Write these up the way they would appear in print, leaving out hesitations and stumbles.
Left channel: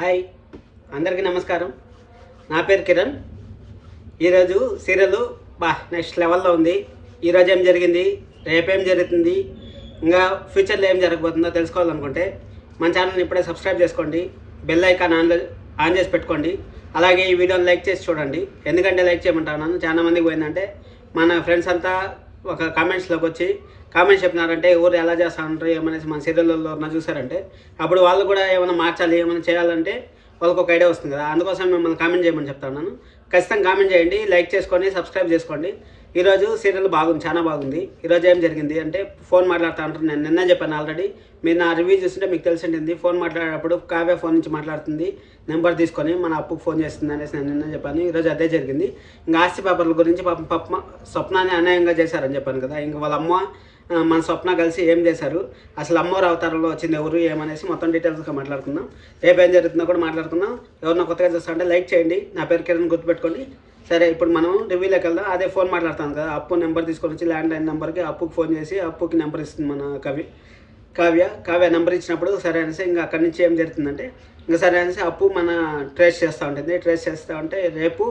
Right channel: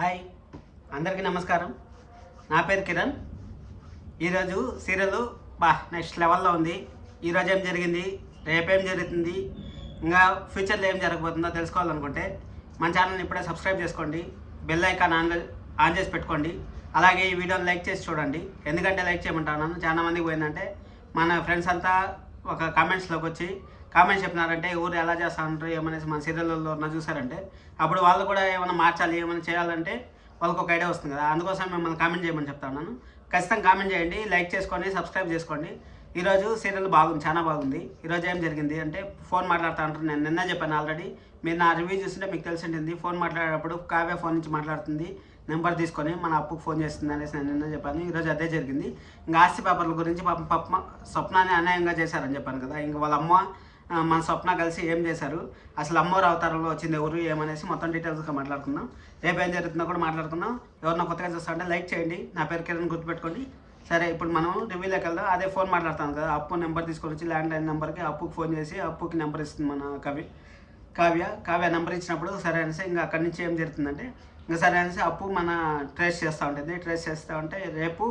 Hi, అందరికీ నమస్కారం. నా పేరు కిరణ్. ఈరోజు సీరియల్ నెక్స్ట్ లెవెల్లో ఉంది. ఈరోజు ఏం జరిగింది, రేపేం జరుగుతుంది, ఇంకా ఫ్యూచర్లో ఏం జరగబోతుందో తెలుసుకోవాలనుకుంటే మన ఛానల్ని ఇప్పుడే సబ్స్క్రైబ్ చేసుకోండి, బెల్ ఐకాన్ ఆన్ చేసి పెట్టుకోండి. అలాగే ఈ వీడియోని లైక్ చేసి చూడండి. ఎందుకంటే లైక్ చేయమంటాను, చాలా మందికి పోయిందంటే మన ఫ్రెండ్స్ అంతా ఒక కామెంట్స్లోకి వచ్చి కామెంట్స్ చెప్పినారంటే ఎవరు ఎలా చేస్తా ఉంటారు ఏమనేసి మన సీరియల్లో చూసారంటే అప్పుడు వాళ్ళు కూడా ఏమైనా మార్చాలి ఏమైనా చేయాలంటే వాళ్ళకి ఒక ఐడియా వస్తుంది కదా. అందుకోసం మిమ్మల్ని కామెంట్ చేయమని చెప్తాను. ఖచ్చితంగా కామెంట్ చేయండి, లైక్ చేసుకోండి, సబ్స్క్రైబ్ చేసుకోండి. ఈరోజు సీరియల్ బాగుంది, చాలా బాగుంది. ఈరోజు ఏం జరిగింది అంటే ఫోన్ మాట్లాడుతూ ఉంటారు. నేను నిన్న చెప్పాను ఆల్రెడీ, మీరు నా రివ్యూ చూస్తుంటే మీకు తెలిసి ఉంటుంది. ఫోన్ మాట్లాడేటప్పుడు కావ్య ఫోన్ నుంచి మాట్లాడుతుంది, నెంబర్ తీసుకొని మన అప్పుకు ఫోన్ చేస్తుంది అనేసి నేను నిన్న చెప్పాను. ఈరోజు అదే జరిగింది. ఇంకా ఆస్తి పేపర్ల గురించి పాపం స్వప్నాన్ని అన్యాయంగా చేశారని చెప్పాను కదా. ఇంకా వాళ్ళ అమ్మ మన స్వప్న కలిసి ఏం చేశారు, అసలు అమ్మవారి అవతారంలో వచ్చింది ఎవరు ఏమనేసి మొత్తం డీటెయిల్స్గా మాట్లాడుకుందాం. రేపు ఏం జరుగుతుందో కూడా మాట్లాడుకుందాం. ఎవరినో కొత్తగా చూస్తా అంటే లైక్ చేయండి, నా పేరు కిరణ్ గుర్తుపెట్టుకోండి. సరే, ఇప్పుడు మనం రివ్యూలోకి వెళ్దాం. అదే ఫోన్ మాట్లాడతాం కదా, అప్పు నెంబర్ తీసుకొని వచ్చి ల్యాండ్లైన్ నెంబర్కి అప్పుకి ఫోన్ చేసి అప్పుకి నెంబర్ ఇస్తుంది మన కావ్య నెంబర్ ఇచ్చినప్పుడు సరే అనేసి ఇంకా అక్కడి నుంచి ఏం జరుగుతుందంటే ఇంకా సరే అనేసి అప్పు మన ట్రేస్ చేస్తూ ఉంటుంది. ట్రేస్ చేస్తూ ఉంటే రేపు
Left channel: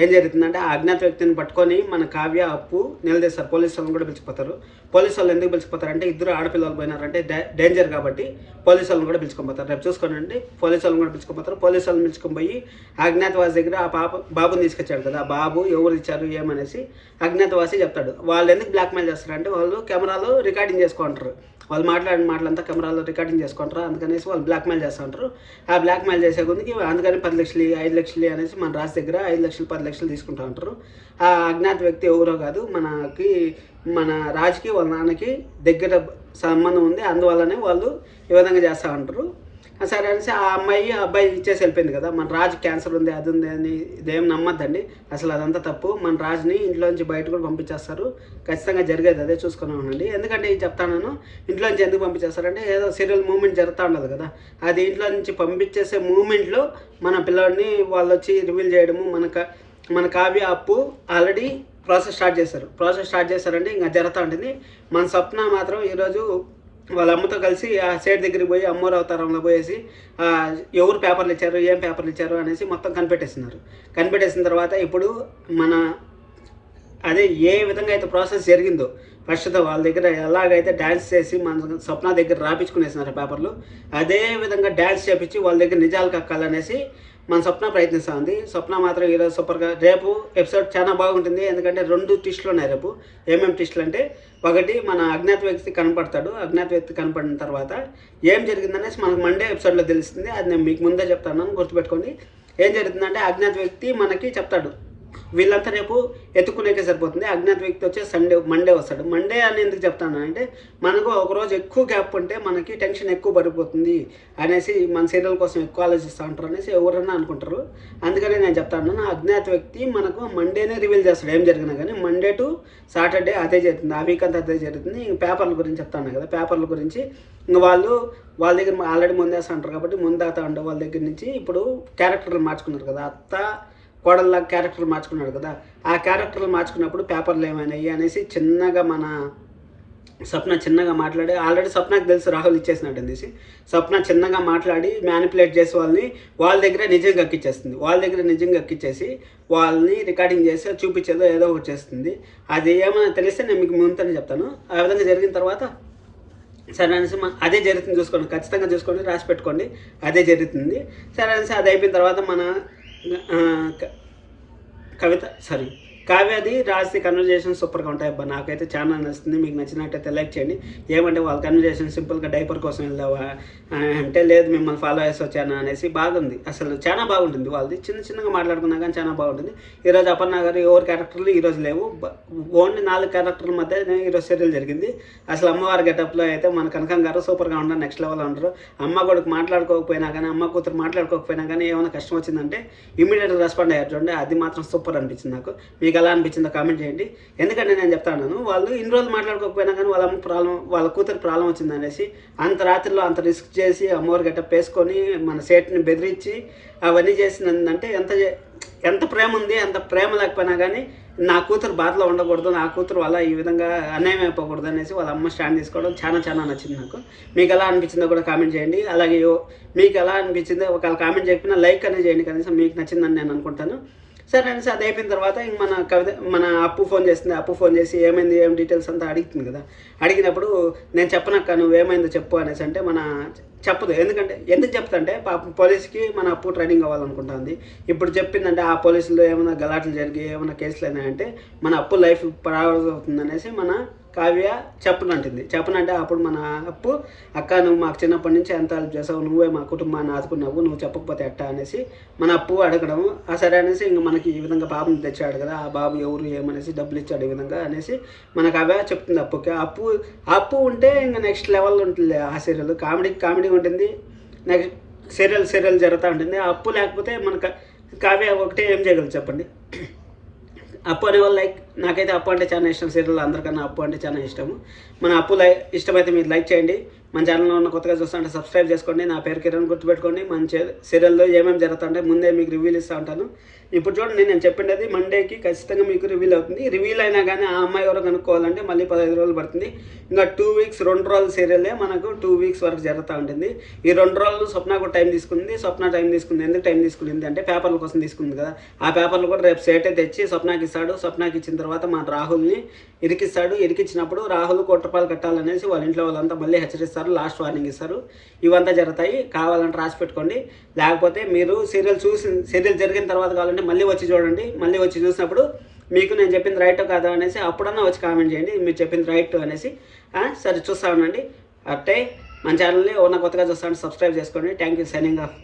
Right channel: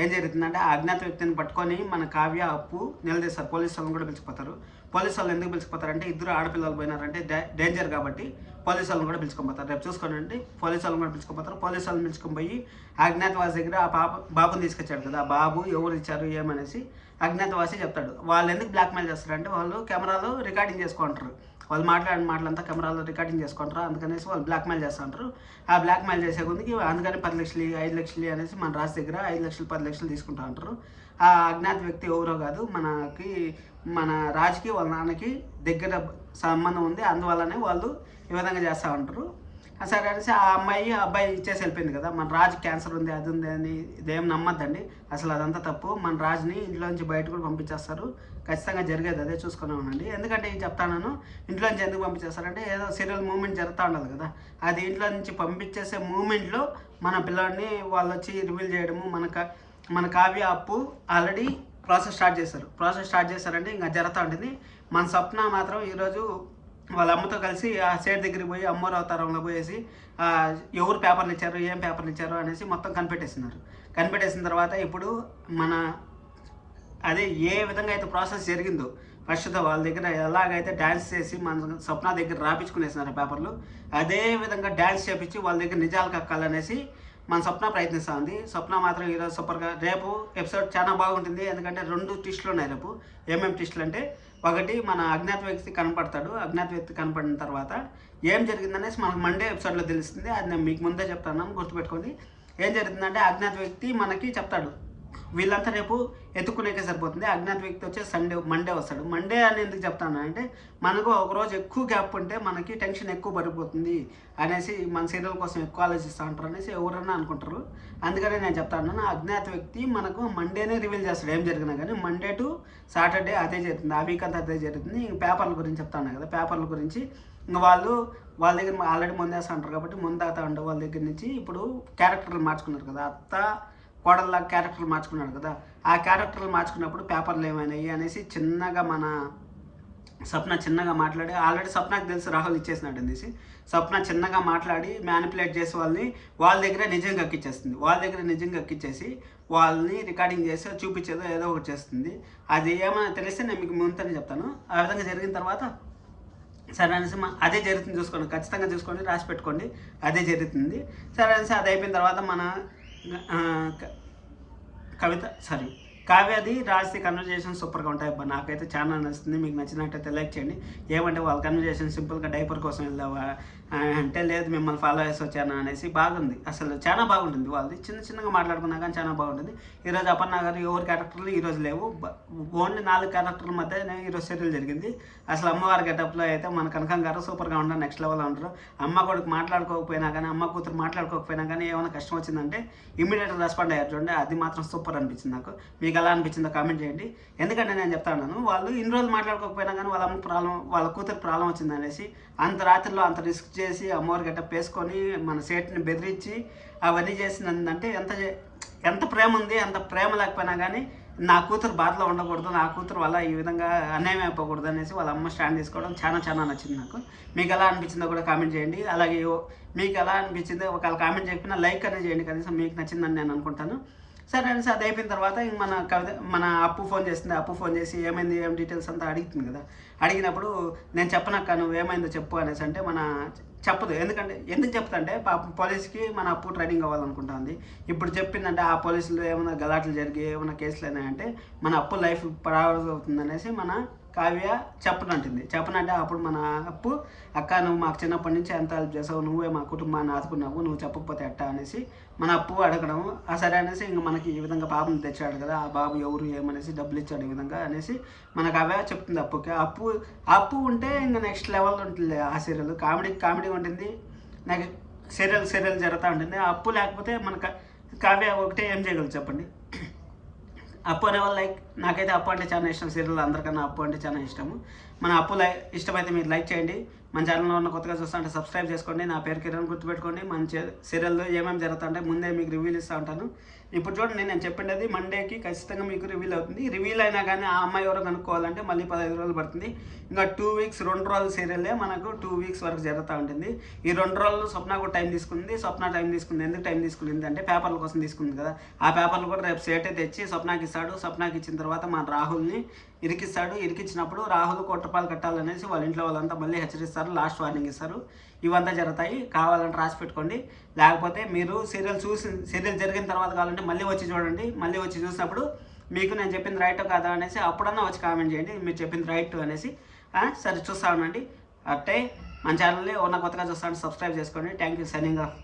ఏం జరుగుతుందంటే ఆ అజ్ఞాత వ్యక్తిని పట్టుకొని మన కావ్య అప్పు నిలదీస్తారు. పోలీసు వాళ్ళని కూడా పిలిచిపోతారు. పోలీసు వాళ్ళు ఎందుకు పిలిచిపోతారంటే ఇద్దరు ఆడపిల్లలు పోయినారంటే డేంజర్ కాబట్టి పోలీసు వాళ్ళని కూడా పిలుచుకొని రేపు చూసుకోనండి. పోలీసు వాళ్ళని కూడా పిలుచుకొని పోలీసు వాళ్ళని పిలుచుకొని పోయి అజ్ఞాతవాసి దగ్గర ఆ బాబుని తీసుకొచ్చాడు కదా, ఆ బాబు ఎవరు ఇచ్చారు ఏమనేసి అజ్ఞాతవాసి చెప్తాడు. వాళ్ళు ఎందుకు బ్లాక్మెయిల్ చేస్తారంటే వాళ్ళు కెమెరాలో రికార్డింగ్ చేసుకుంటారు. వాళ్ళు మాట్లాడిన మాటలంతా కెమెరాలో రికార్డింగ్ చేసుకుంటారు. అందుకనేసి వాళ్ళు బ్లాక్మెయిల్ చేస్తూ ఉంటారు. ఆ బ్లాక్మెయిల్ చేసే కొద్దికి అందుకని 10 లక్షలు 5 లక్షలు అనేసి మన రాజు దగ్గర 5 లక్షలు 10 లక్షలు తీసుకుంటూ ఉంటారు. ఆ అజ్ఞాత వ్యక్తి ఎవరో కాదు, మన రాజుకి వాళ్ళ నాన్నకి దగ్గర సంబంధం ఉంది. అందువల్లనే వాళ్ళు ఈ విధంగా చేస్తూ ఉంటారు. సరే అనేసి ఆ అబ్బాయి ఇచ్చేసి వెళ్ళిపోయింది కదా. మన రాజు క్యాన్సర్ ఉంది, అది ఉంది అని ఇదేం నమ్మద్దండి, అసలు అదంతా తప్పు. మన రాజుని ఇంట్లో నుంచి బయట కూడా పంపించేస్తారు. ఖచ్చితంగా జరిగేది అదే, చూసుకునే ఉండండి. ఎందుకంటే ఇది చెప్తాను, ఇంట్లో నుంచి ఎందుకు పంపించేస్తారంటే ఏదో సీరియల్ మూమెంట్ జరుగుతూ ఉండదు కదా, అది ఇంట్లో నుంచి పంపించేసే మూమెంట్లో మన పిల్లోడిని వాళ్ళు వచ్చి రివీల్ చేయడము. మన కావ్య అప్పు ఆల్రెడీ ప్రాసెస్ స్టార్ట్ చేశారంటే ఇంకా జరుగుతూ ఉంటుంది. మన స్వప్న మాత్రం ఈరోజు వాళ్ళ అమ్మతో కలిసి ఆ సైడ్ దగ్గరికి పోయి అమ్మవారి అవతారంలో పోయేసి ఎవరు పేపర్లు ఇచ్చారు ఏం పేపర్లు ఇచ్చారు అనేసి మొత్తం కనిపెట్టేసిన తర్వాత ఇప్పుడు అదే ఏ విధంగా అయితే ప్రాసెస్ జరిగిందో ఫస్ట్ వాళ్ళ దగ్గర ఎలాగైతే డ్యాన్స్ చేసి మన స్వప్న దగ్గర రాపించుకునేసినారు పేపర్లు, అదే విధంగా డ్యాన్స్ చేపించి వాళ్ళ దగ్గర నిజాలు కక్కాలనేసి మన స్వప్న ప్రయత్నిస్తూ ఉంది. స్వప్న మాత్రం ఈరోజు సూపర్గా. రేపు ఎపిసోడ్ చాలా బాగుంటుంది. ఎందుకంటే 2 ట్విస్టులు ఉన్నాయి రేపు. ఏమేమి ట్విస్టులు అంటే, ఒకటి మన అజ్ఞాత వ్యక్తి కనపడతాడు. అజ్ఞాత వ్యక్తి కనపడిన తర్వాత ఏం జరిగిందనేసి మనకు మండే ఎపిసోడ్లో తెలుస్తుంది. అది నేను మీకు ముందే చెప్తాను, గుర్తుపెట్టుకోండి. ఏం జరుగుతుందంటే అజ్ఞాత వ్యక్తి మనకి చెప్తాడు. వీళ్ళంతా రేపు ఎత్తుకునేకే సరిపోతుంది. అజ్ఞాత వ్యక్తి వచ్చే మండే వస్తాడు. మండే అని ఎందుకు చెప్తాను అంటే మనకు ఒకరోజు ఎక్కువ గ్యాప్ ఉంటే మనకి టెన్షన్ ఎక్కువ పడిపోతుంది అనేసి మన సీరియల్ కోసం ఎక్కువ ఆలోచిస్తూ ఉంటారు అనేసి ఎవరన్నా అనుకుంటారు. అందుకనే నేను చెప్తాను, అజ్ఞాత వ్యక్తి మనకు మండేనే రివీల్ చేస్తాడు ఏం జరిగినా కానీ. మండే టు సాటర్డే అదే జరుగుతుంది, ఆ వీక్ అంతా అదే జరుగుతుంది. ఇంక పేపర్ల గురించి చెప్తాను కదా, పేపర్ల గురించి ఇంక వాళ్ళ దగ్గర ఆల్రెడీ ముందేస్తూ ఉంటారు కాబట్టి ముందాతా ఉండే వాళ్ళ దగ్గర నుంచి ఇప్పుడు క్యారెక్టర్లు మార్చుకున్నారు కదా, అత్త కోడల్లా క్యారెక్టర్ మార్చుకున్నాడు కదా. ఆ క్యారెక్టర్లు మార్చుకున్నప్పుడు పేపర్లు ఏమైనాయి అనేసి చిన్నగా మన స్వప్న చిన్నగా మాట్లాడి, ఆల్రెడీ స్వప్నకు తెలుసు రాహుల్ ఇచ్చేసినట్టు అనేసి స్వప్న చిన్నగా మాట్లాడి మ్యానిపులేట్ చేసి వాళ్ళ దగ్గర నిజంగా ఎక్కిచ్చేస్తుంది. వాళ్ళ దగ్గర నిజంగా ఎక్కిచ్చేసి వాళ్ళని రికార్డింగ్ చేసి చూపించేదో ఏదో ఒకటి చేస్తుంది. అది ఏమైనా తెలిస్తే నేను మీకు ముందునే చెప్తాను. ఆ విధంగా జరిగిన తర్వాత సరే అనేసి అదే జరుగుతుంది, చూసుకోండి, ఖచ్చితంగా చూసుకోండి, రాసి పెట్టుకోండి, అదే జరుగుతుంది. సరే అనేసి అది అయిపోయిన తర్వాత మన కావ్యది రాసి కన్వర్జేషన్ సూపర్గా ఉంటాయి. అబ్బా నాకైతే చాలా నచ్చుతుంది. మీకు నచ్చినట్టయితే లైక్ చేయండి. ఏమంటే వాళ్ళ కన్వర్జేషన్ సింపుల్గా డైపర్ కోసం వెళ్దావా అంటే లేదు మిమ్మల్ని ఫాలో చేసి వచ్చాను అనేసి బాగుంది. అసలు చాలా బాగుంటుంది. వాళ్ళది చిన్నగా మాట్లాడుకున్నా కానీ చాలా బాగుంటుంది. ఈరోజు అపర్ణ గారు ఎవరి క్యారెక్టర్లు ఈరోజు లేవు, ఓన్లీ 4 క్యారెక్టర్ల మధ్య ఈరోజు సీరియల్ జరిగింది. అసలు అమ్మవారి గెటప్లో అయితే మన కనకం గారు సూపర్గా ఉంటారు, నెక్స్ట్ లెవెల్లో ఉంటారు. అమ్మ కొడుకు మాట్లాడుకోకపోయినా కానీ, అమ్మ కూతురు మాట్లాడుకోకపోయినా కానీ ఏమైనా కష్టం వచ్చిందంటే ఇమీడియట్గా రెస్పాండ్ అయ్యారు చూడండి, అది మాత్రం సూపర్ అనిపించింది నాకు. మీకు ఎలా అనిపించిందో కామెంట్ చేయండి. ఎందుకంటే నేను చెప్తాను, వాళ్ళు ఇన్ని రోజులు మాట్లాడుకోకపోయినా కానీ వాళ్ళ కూతురు ప్రాబ్లం వచ్చింది అనేసి అంత రాత్రిలో అంత రిస్క్ చేసి అమ్మవారి గట్ట వేసుకొని మన సేట్ని బెదిరించి అవన్నీ చేసిందంటే ఎంత ప్రేమ ఉంది. అంత ప్రేమ లేకపోయినా కానీ నా కూతురు బాధలో ఉండకూడదు, నా కూతురు వల్ల ఈ విధంగా అన్యాయం అయిపోకూడదు అనేసి వాళ్ళ అమ్మ స్టాండ్ తీసుకోవడం చాలా నచ్చింది నాకు. మీకు ఎలా అనిపించిందో కూడా కామెంట్ చేయండి. అలాగే మీకు ఎలా అనిపించిందో ఒకవేళ కామెంట్ చేయకపోయినా లైక్ అనేది చేయండి, కనీసం మీకు నచ్చిందని నేను అనుకుంటాను. సరే అనేసి అది అయిపోయిన తర్వాత ఇంక మన అప్పు ఫోన్ చేస్తుంది. అప్పు ఫోన్ చేసి ఏమైంది, ఏం డీటెయిల్స్ అంతా అడుగుతుంది కదా. అడిగినప్పుడు నేను చెప్పనక్క నువ్వేమైందో చెప్పు అనేసి అంటే చెప్పదు. ఎందుకు చెప్తుంటే పాపం పోలీస్కి మన అప్పు ట్రైనింగ్ అవ్వాలనుకుంటుంది. ఇప్పుడు చెప్పిందంటే ఆ పోలీసులు ఏమైనా గలాట్లు జరిగి ఏమైనా కేసులు అయినాయంటే మన అప్పు లైఫ్ ప్రారంభం అవుతుంది అనేసి మన కావ్య చెప్పనంటే అప్పుడు మన అప్పు అక్క నువ్వు మాకు చిన్నప్పటి నుంచి ఎంత హెల్ప్ చేసావు, నువ్వే మా కుటుంబాన్ని ఆదుకున్నావు, నువ్వు చెప్పకపోతే ఎట్టా అనేసి మన అప్పు అడగడము. సరే అనేసి ఇంక మనకి ఈ విధంగా పాపను తెచ్చాడు కదా, ఆ బాబు ఎవరు ఏమనేసి డబ్బులు ఇచ్చాడు ఈ విధంగా అనేసి మన కావ్య చెప్తుంది అప్పుకి. అప్పు ఉంటే ఇంకా నెక్స్ట్ లెవెల్ ఉంటుంది ఆ సీరియల్. కామెడీ ఉంటుంది, నెక్స్ట్ సీరియల్ జరుగుతూ ఉంటుంది. అప్పు లేకపోతే మన కావ్య ఒకటే ఏం చేయగలరు చెప్పండి. అప్పు అనేవాళ్ళు నాకైతే అప్పు అంటే చాలా ఇష్టం. సీరియల్ అందరికన్నా అప్పు అంటే చాలా ఇష్టము. మన అప్పు ఇష్టమైతే మీరు లైక్ చేయండి. మన ఛానల్లో ఉన్న కొత్తగా చూస్తుంటే సబ్స్క్రైబ్ చేసుకోండి. నా పేరు కిరణ్, గుర్తుపెట్టుకోండి. మన సీరియల్లో ఏమేమి జరుగుతుంటే ముందే మీకు రివ్యూలు ఇస్తూ ఉంటాను. ఇప్పుడు చూడండి, నేను చెప్పిండేది మండేకి ఖచ్చితంగా మీకు రివీల్ అవుతుంది. రివీల్ అయినా కానీ ఆ అమ్మాయి ఎవరో కనుక్కోవాలంటే మళ్ళీ 15 రోజులు పడుతుంది. ఇంకా 2 వీక్స్ 2 రోజుల సీరియలే మనకు 2 వీక్స్ వరకు జరుగుతూ ఉంటుంది. ఈ 2 రోజులు స్వప్న కూడా టైం తీసుకుంది. ఎందుకు టైం తీసుకుంది అంటే పేపర్ల కోసం తీసుకుంది కదా. ఆ పేపర్లు కూడా రేపు సేటే తెచ్చి స్వప్నకి ఇస్తాడు. స్వప్నకి ఇచ్చిన తర్వాత మన రాహుల్ని ఇరికిస్తాడు. ఇరికిచ్చినప్పుడు రాహుల్ ₹1 కట్టాలనేసి వాళ్ళ ఇంట్లో వాళ్ళంతా మళ్ళీ హెచ్చరిస్తారు, లాస్ట్ వార్నింగ్ ఇస్తారు. ఇవంతా జరుగుతాయి. కావాలంటే రాసి పెట్టుకోండి. లేకపోతే మీరు సీరియల్ జరిగిన తర్వాత కావాలంటే మళ్ళీ వచ్చి చూడండి. మళ్ళీ వచ్చి చూసినప్పుడు మీకు నేను చెప్పింది రైట్ కాదా అనేసి అప్పుడన్నా వచ్చి కామెంట్ చేయండి మీరు చెప్పింది రైట్ అనేసి. సరే చూస్తా ఉండండి. అట్టే మన ఛానల్ని ఉన్న కొత్తగా చూస్తాను, సబ్స్క్రైబ్ చేసుకోండి. Thank you, signing off.